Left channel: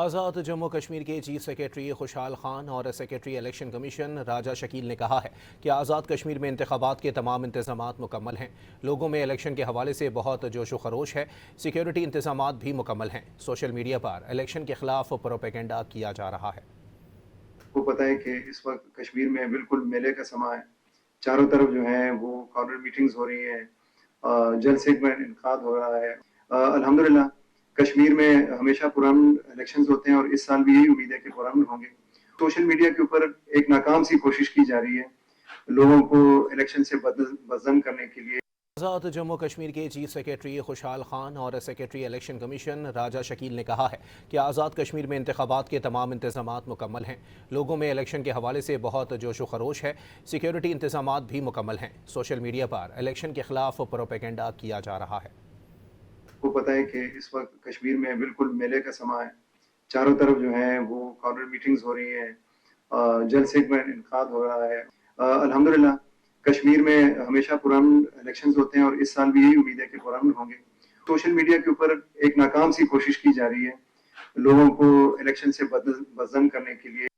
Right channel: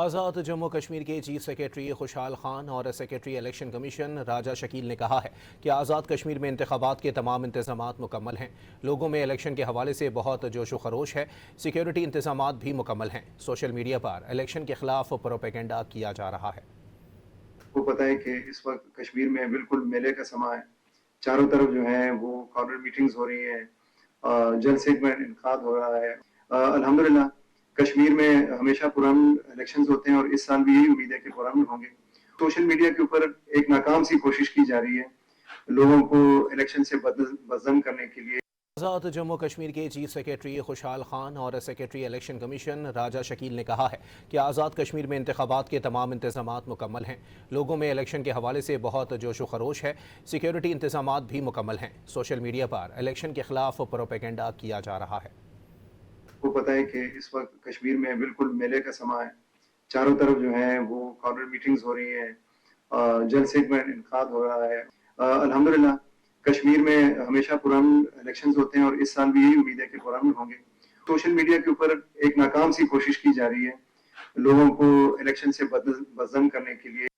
आज़ाद जम्मू कश्मीर के chief secretary खुशहाल खान और सेक्रेटरी इलेक्शन कमीशन राजा शकील ने कहा है कि आज़ाद कश्मीर में इंतखाबात के तमाम इंतजामात मुकम्मल हैं। लोगों में इलेक्शन के हवाले से बहुत जोश व खरोश है। सिक्योरिटी इंतजामात भी मुकम्मल हैं। सोशल मीडिया पर इलेक्शन के खिलाफ प्रोपेगेंडा किया जा रहा है। को पता है कि इस वक्त कश्मीर में बिल्कुल मेले का समय है। चारों तरफ जो है वो कॉर्नर मीटिंग्स हो रही है, जलसे का इनकाद हो रहा है। अल्हम्दुलिल्लाह कश्मीर में हमेशा पुराने इलेक्शंस होते हैं और इस साल भी यही उम्मीद है कि पुराने होंगे। सोशल मीडिया के ऊपर एक नाकाम सी कोशिश की जा रही है लोगों को इलेक्शन से बदज़न करने के लिए। आज़ाद जम्मू कश्मीर के चीफ सेक्रेटरी खुशहाल खान और सेक्रेटरी इलेक्शन कमीशन राजा शकील ने कहा है कि आज़ाद कश्मीर में इंतखाबात के तमाम इंतजामात मुकम्मल हैं। लोगों में इलेक्शन के हवाले से बहुत जोश व खरोश है। सिक्योरिटी इंतजामात भी मुकम्मल हैं। सोशल मीडिया पर इलेक्शन के खिलाफ प्रोपेगेंडा किया जा रहा है। को पता है कि इस वक्त कश्मीर में बिल्कुल मेले का समय है। चारों तरफ जो है वो कॉर्नर मीटिंग्स हो रही है, जलसे का इनकाद हो रहा है। अल्हम्दुलिल्लाह कश्मीर में हमेशा पुराने इलेक्शंस होते हैं और इस साल भी यही उम्मीद है कि पुराने होंगे। सोशल मीडिया के ऊपर एक नाकाम सी कोशिश की जा रही है लोगों को इलेक्शन से बदज़न करने के लिए।